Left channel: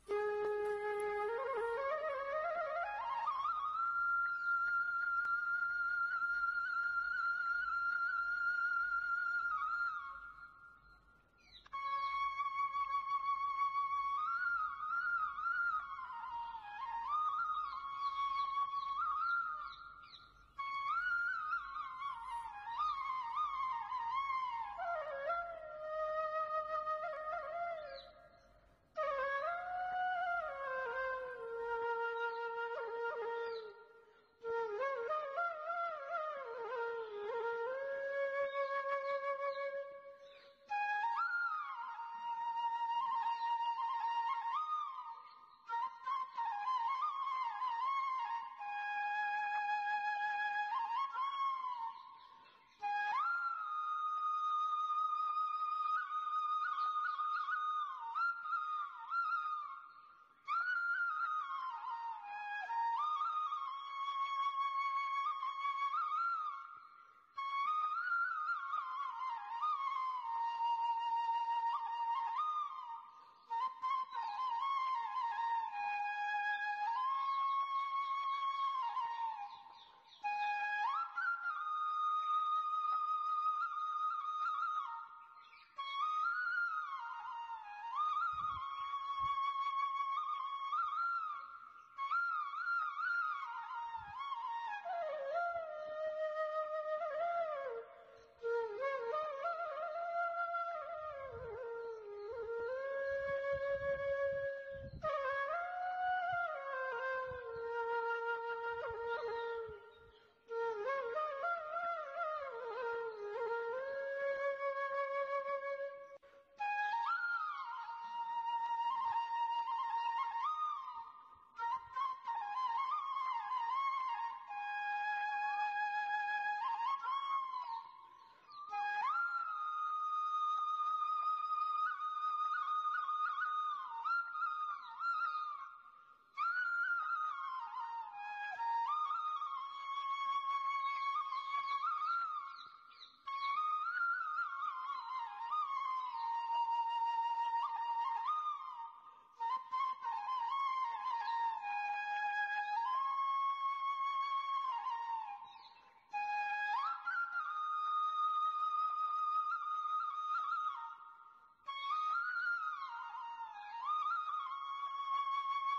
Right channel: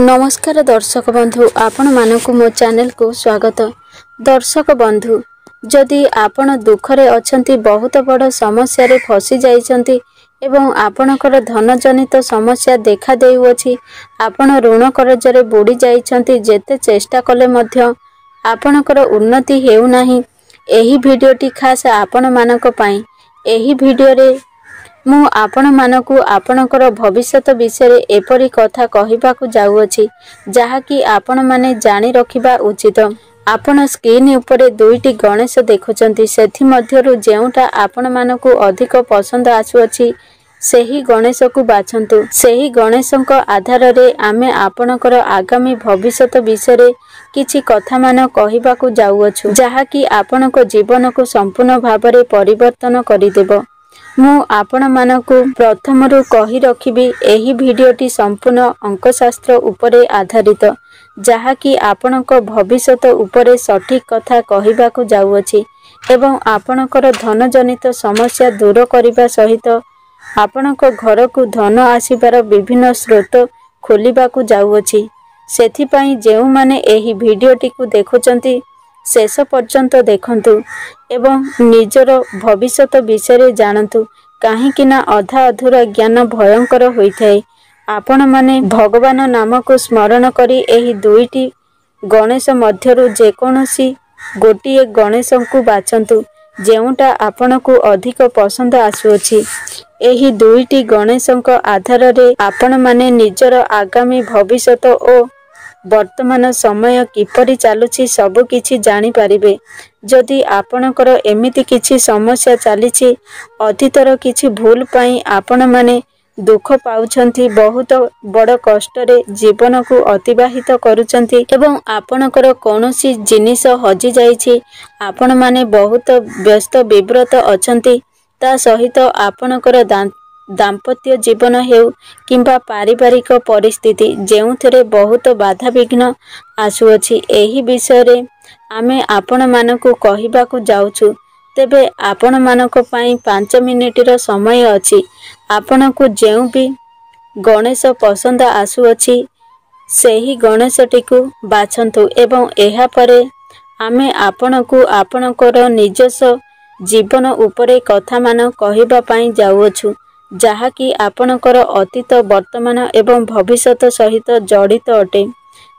नमस्कार दर्शक बंधु, आपण मानकु मो चैनल को स्वागत। दर्शक बंधु, जदि आपण दुखरे अछंती, बहुत बड़ समस्या रे फसी जाइछंती एवं आपणकर धन जनित समस्या देखा देउछि, आपण ऋण कर्जरे बुड़ी जाइछंती, जेते चेष्टा कले मध्य आपणकर उन्नति हेउ नाही, एही भिडियोटी खास आपण मानक पई। एही भिडियो रे मु आपण मानकु आपणकर भविष्यत विषय एपरी कथा कहिबाकु जाउछि, जहाँकि आपण माने जानि रखिबा उचित। आपण स्क्रीन उपरे दुईटी गणेश देखुचंती, सेथि मध्यरु जेउटा आपण मानकु अधिक पसंद आसुछि सेही गणेश को बाछंतु। सेही गणेशक आधार रे आमे आपणकर आगामी भविष्यत विषय किछि कथा मान कहिबाकु जाउछु, जहाँकि आपणक जीवन को संपूर्ण भाबरे परिवर्तन करिदेबो। मु आपण मानकु प्रथमरु कहि रखिबी, एही भिडियोटी संपूर्ण अंकशास्त्र उपरे आधारित, जहाँकि आपणक भविष्यत उपरे सठिक कथा कहिबाकु जाउछि एवं आपणकर धन जनित समस्या दूर करिबा सहित आपणक घर को धन आसीबार विभिन्न स्रोत खोलिबाकु जाउछि। सेथिपई जेउ माने एही भिडियोटी को देखुचंती शेष पर्यंत देखंतु एवं निजर भविष्यत विषय जानतु, काहेकि ना अधा अधूरा ज्ञान भयंकर होइथाय। आपण माने भगवान नाम को स्मरण करी एही दुईटी गणेश मध्यरु जेकोनोसी गोटिए गणेश को बाछंतु, जेउटा आपणकु अधिक पसंद आसुछि। एही दुईटी गणेशक आधार रे आपण माने निजर आगामी भविष्यत ओ वर्तमान समय किपरि चालुछि सब किछि जानि पारिबे। जदि आपणकर एमिति किछि समस्या चालिछि, अतीतर किछि भूल पई आपण माने दुख पाउछंती, बहुत बड़ कष्ट रे जीवन को अतिबाहित करूछंती एवं आपणकर कोनोसी जिनिस हजि जाइछि, आपण माने बहुत व्यस्त विव्रत अछंती, ता सहित आपणकर दाम्पत्य जीवन हेउ किंबा पारिवारिक परिस्थिति जेउथरे बहुत बाधा विघ्न आसुअछि, एही विषय रे आमे आपण मानकु कहिबाकु जाउछु। तेबे आपण मानक पई 5 मिनिटर समय अछि। आपणकु जेउ भी गणेश पसंद आसुअछि सेही गणेशटीकु बाछंतु एवं एहा परे आमे आपणकु आपणकर निजस्व जीवन उपरे कथा मान कहिबा पई जाउछु, जहाँकि आपणकर अतीत वर्तमान एवं भविष्यत सहित जड़ित अटे।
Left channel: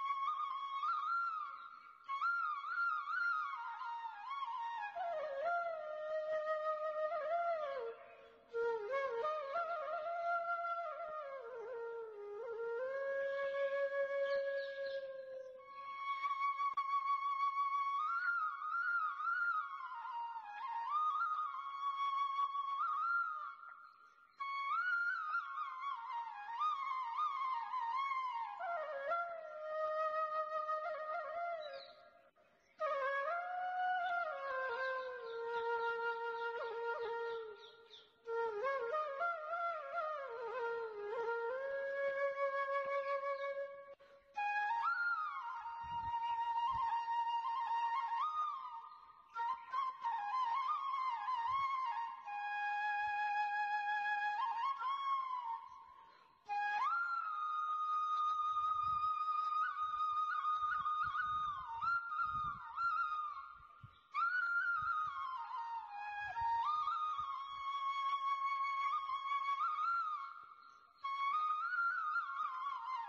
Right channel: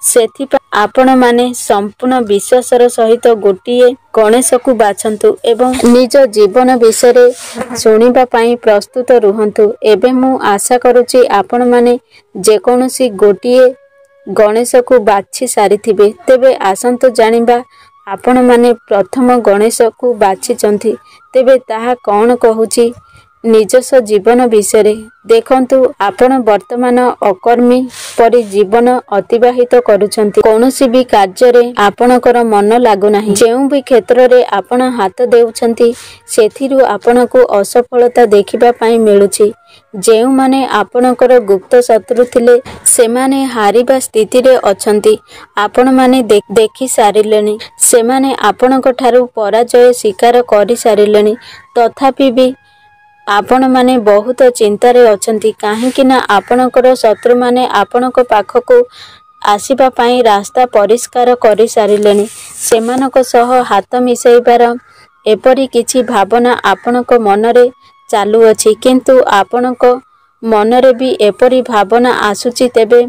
सेथिपा आपण माने संपूर्ण विश्वासर सहित गोटिए गणेश को बाछंतु एवं निज जीवन विषय सुनिबा पई प्रस्तुत रुहंतु। एबे मु आशा करूची आपण माने जेकोनोसी गोटिए गणेश को बाछि सारिथिबे। तेबे आसंतो जानिबा आपण माने प्रथम गणेश को बाछिचंती, तेबे ताहा कौन कहूची निजस्व जीवन विषय देखंतु। आपण वर्तमान अकर्मी परि जीवन अतिबाहित करूछंती, कोनोसी भी कार्य रे आपणकर मन लागु नाही, जेउ भी क्षेत्र रे आपण हाथ देउछंती सेथिरु आपणको असफलता देखिबा पई मिलुछि। जेउ माने आपणकर गुप्त शत्रु थिले सेमाने हारिबा स्थिति रे अछंती, आपण माने देखि सारिलेनी, सेमाने आपणक ठारू पराजय स्वीकार करि सारिलेनी, तथापि भी आपण माने बहुत चिंता रे अछंती, काहेकि ना आपणकर शत्रु माने आपणक पाखको आसीबा पई रास्ता परिष्कार करि सारिलेनी, सेमानक सह हाथ मिसेइबार एपरि किछि भावना आपणक मनरे चालू अछि, किंतु आपणक मनरे भी एपरि भावना आसुछि। तेबे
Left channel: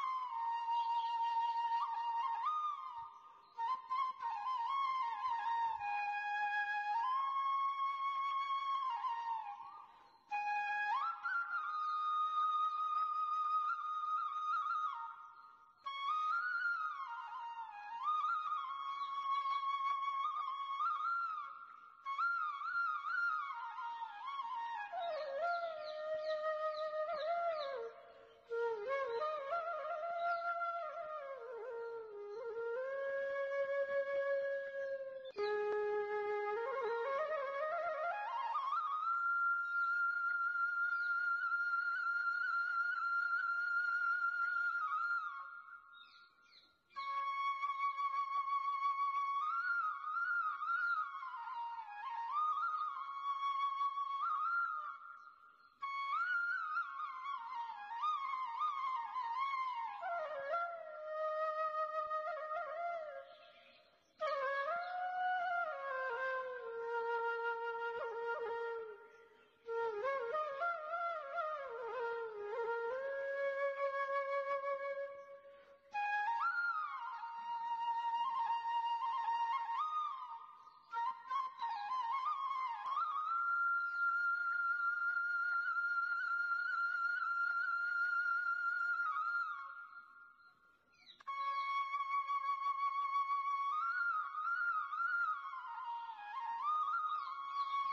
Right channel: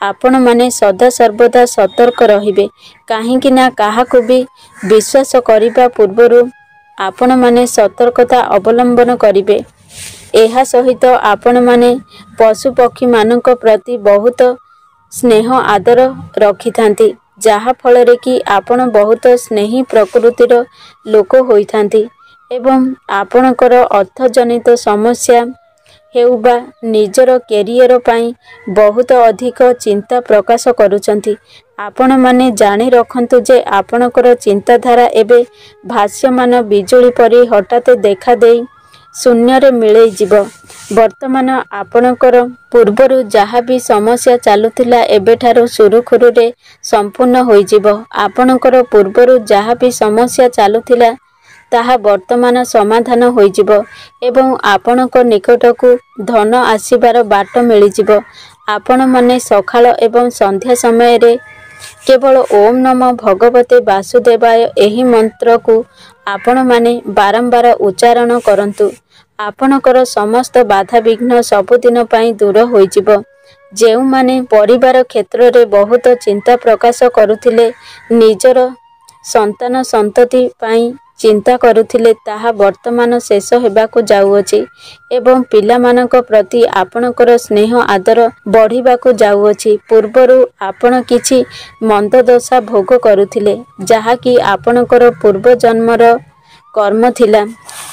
आपण माने सदा सर्वदा सतर्क रहिबे, काहेकि ना काहाको भी विश्वास करिबा पूर्वरु आपण माने सतर्कता अवलंबन करिबे। एहा सहित आपण माने पशु पक्षी मानक प्रति बहुत स्नेह आदर रखिथांती, जहा फलरे कि आपण बहुत स्नेही प्रकृतिर लोक होइथांती एवं आपणकर अर्थजनित समस्या हेउबा निजर कैरियर पई बहुत अधिक चिंता प्रकाश करूछंती। आपण माने जानि रखंतु जे आपणकर चिंताधारा एबे भाष्यमान बिजुली परि हठात देखा देई शून्य रे मिलई जीव। वर्तमान आपणकर पूर्वरु जहा भी समस्या चालुथिला एबेठारु सुरुखुरु रे संपूर्ण होई जीव। आपणकर पूर्वरु जहा भी समस्या चालुथिला ताहा वर्तमान समाधान होई जीव एवं आपणक निकटकु धन आसीबार बाट मिली जीव। आपण माने सकाळ एवं संध्या समय रे केवल ओम नमो भगवते वासुदेवाय एही मंत्र को आपण माने बारंबार उच्चारण करंतु। आपणकर समस्त बाधा विघ्न सबुदिन पाई दूर होइजिब। जेउ माने परिवार क्षेत्र रे बहुत चिंता प्रकाश करुथिले, निजर संतान संतति पाई चिंता करुथिले, ताहा वर्तमान शेष हेबाकु जाउअछि एवं पिलामानक प्रति आपणकर स्नेह आदर बढ़िबाकु जाउअछि। पूर्वरु आपण किछि मंद दशा भोग करुथिले, जहा कि आपणकर पूर्व जन्मर कर्म थिला,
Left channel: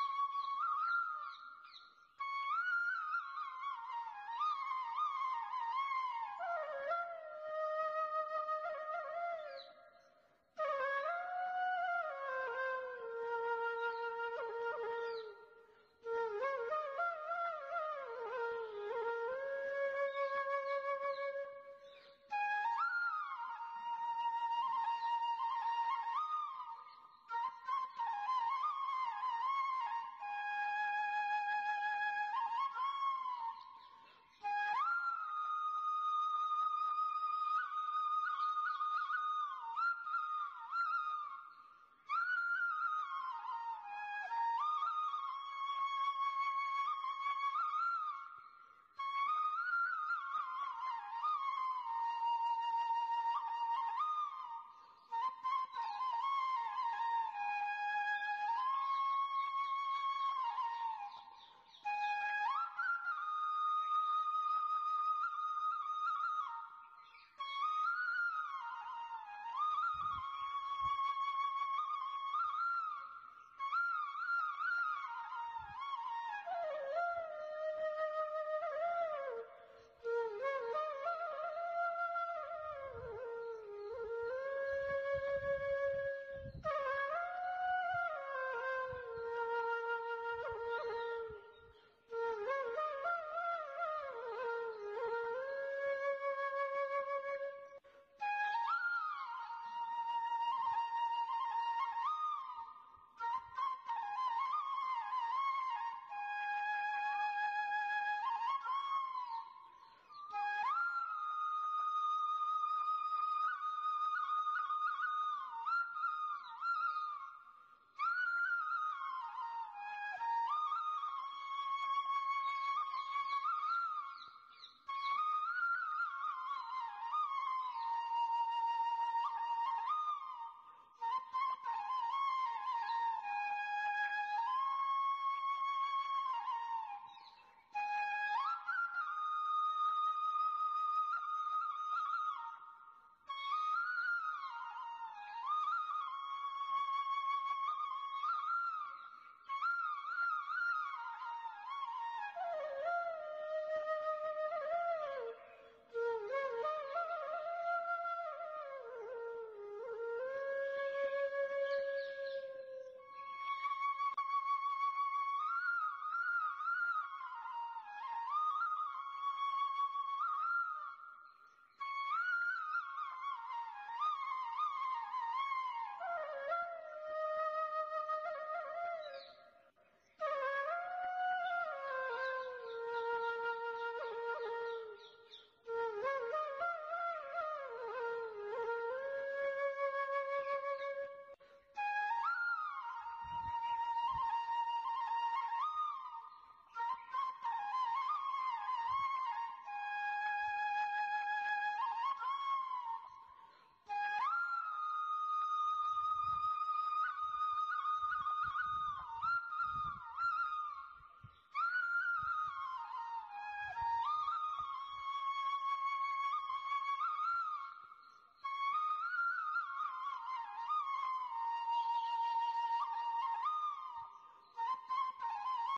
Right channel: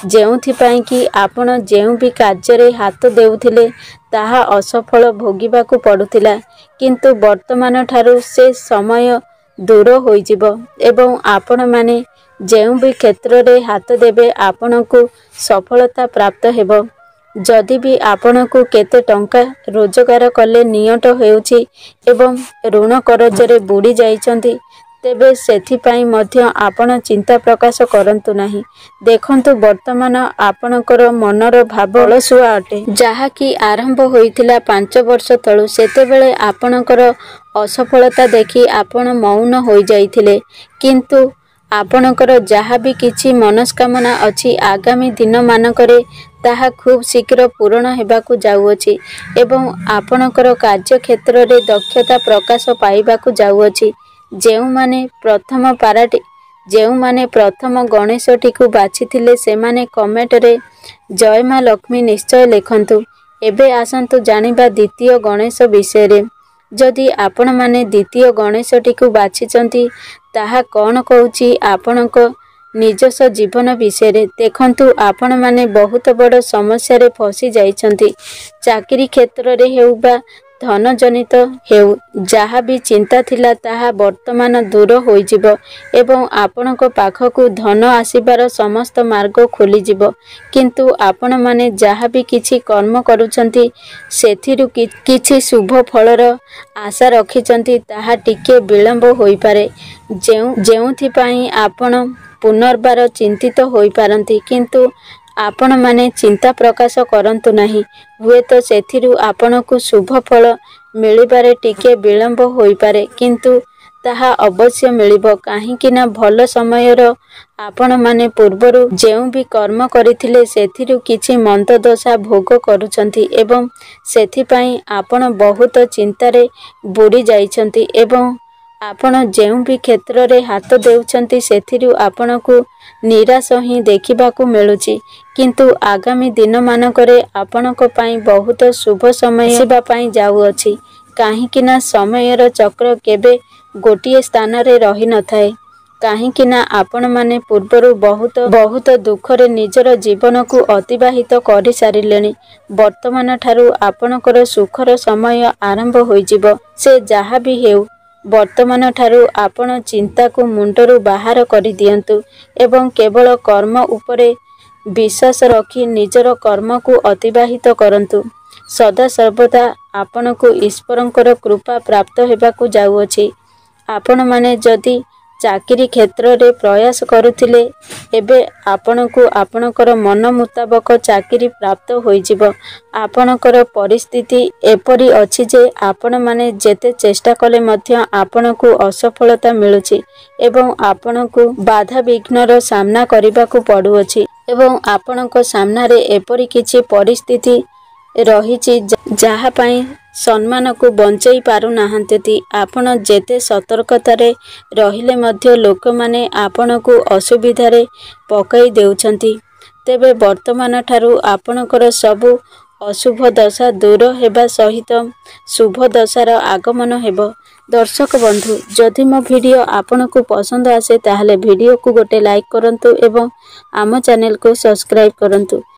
जेउथिपाई कि आपण जेउ भी कार्य रे हाथ देउथिले ताहा असफल भोगिबाकु पडुथिला। किंतु वर्तमान ठारू से समय दूर होइजिब एवं आपण माने जेउ भी क्षेत्र रे हाथ देबे आपणकु सफलता प्राप्त हेबो। जदि भी आपणकु केते टंका रोजगार कले नियट हेउछि एवं ऋण करजरे बुडी जाइछन्ति, तेबे सेथिपाई मध्य आपण चिंता प्रकाश करंतु नाही। देखंतु वर्तमान आपणकर मनर भाव अलसुआ अटे, जहा कि आरंभ होइथिला 5 वर्ष तळु। सेतेबेले आपणकर असफलता देखि आपण मौन होई जाइथिले, किंतु आपणकर जहा भी किछि मनस्कामना अछि आगामी दिन मानकरे ताहा खूब शीघ्र पूर्ण हेबाकु जाउअछि एवं आपणकर कार्य क्षेत्र रे दक्षता प्रकाश पाइबाकु जाउअछि। जेउ माने प्रथम गणेशटी को बाछिथिले सेमाने कमेंट रे जय मां लक्ष्मी निश्चय लिखंतु। एबे आसंतु जानिबा द्वितीय गणेश विषय रे। जदि आपण माने द्वितीय गणेशटी को बाछिचंती ताहा कौन कहूची आपणक निजस्व जीवन विषय रे। देखंतु आपण माने बहुत बड़ समस्या रे फसी जाइछंती। चाकरी क्षेत्र रे हेउ बा धन जनित हेउ, जहा भी चिंता थिला ताहा वर्तमान दूर होइजिब एवं आपणक पाखकु धन आसीबार समस्त मार्ग खोलिजिब। किंतु आपण माने जहा भी किछि कर्म करूछंती सेथिरु किछि शुभ फलर आशा रखिचंती ताहा टिके विलंब होई पारे, जेउथिपाई आपण पुनर्बार चिंतित होई पारंती। किंतु आपण माने चिंता प्रकाश करंतु नाही। हुए तो सेथिरु आपणकु शुभ फल मिलिबारे टिके विलंब होई पारे, किंतु ताहा अवश्य मिलिबो। काहेकि ना भल समयर आपण माने पूर्वरु जेउ भी कर्म करिथिले सेथिरु किछि मंद दशा भोग करूछंती एवं सेथिपाई आपण बहुत चिंतारे बुडी जाइछंती एवं आपण जेउ भी क्षेत्र रे हाथ देउछंती सेथिरु आपणकु निराश ही देखिबाकु मिलुछि। किंतु आगामी दिन मानकरे आपणक पाई बहुत शुभ समय आसीबा पाई जाउअछि। काहेकि ना समयर चक्र केबे गोटिए स्थान रे रहि न थाए। काहेकि ना आपण माने पूर्वरु बहुत दुख रे निजर जीवन को अतिबाहित करि सारिलेनी। वर्तमान ठारू आपणकर सुखर समय आरंभ होइजिब। से जहा भी हेउ, वर्तमान ठारू आपण चिंता को मुंडरू बाहर करि दियंतु एवं केवल कर्म उपरे विश्वास रखी निजर कर्म को अतिबाहित करंतु। सदा सर्वदा आपणकु ईश्वरंकर कृपा प्राप्त हेबाकु जाउअछि। आपण माने जदि चाकरी क्षेत्र रे प्रयास करुथिले, एबे आपणकु आपणकर मन मुताबक चाकरी प्राप्त होइजिब। आपणकर परिस्थिति एपरि अछि जे आपण माने जेते चेष्टा कले मध्य आपणकु असफलता मिलुछि एवं आपणकु बाधा विघ्नर सामना करिबाकु पडुअछि एवं आपणक सामना रे एपरि किछि परिस्थिति रहिछि जहा पाई सम्मान को बंचई पारु नाहंती। आपण जेते सतर्कतारे रहिले मध्य लोक माने आपण को असुविधा रे पकई देउछंती। तेबे वर्तमान ठारू आपणकर सबु अशुभ दशा दूर हेबा सहित शुभ दशार आगमन हेबो। दर्शक बंधु, जदि मो वीडियो आपण को पसंद आसे ताहले वीडियो को गोटे लाइक करंतु एवं आम चैनल को सब्सक्राइब करंतु।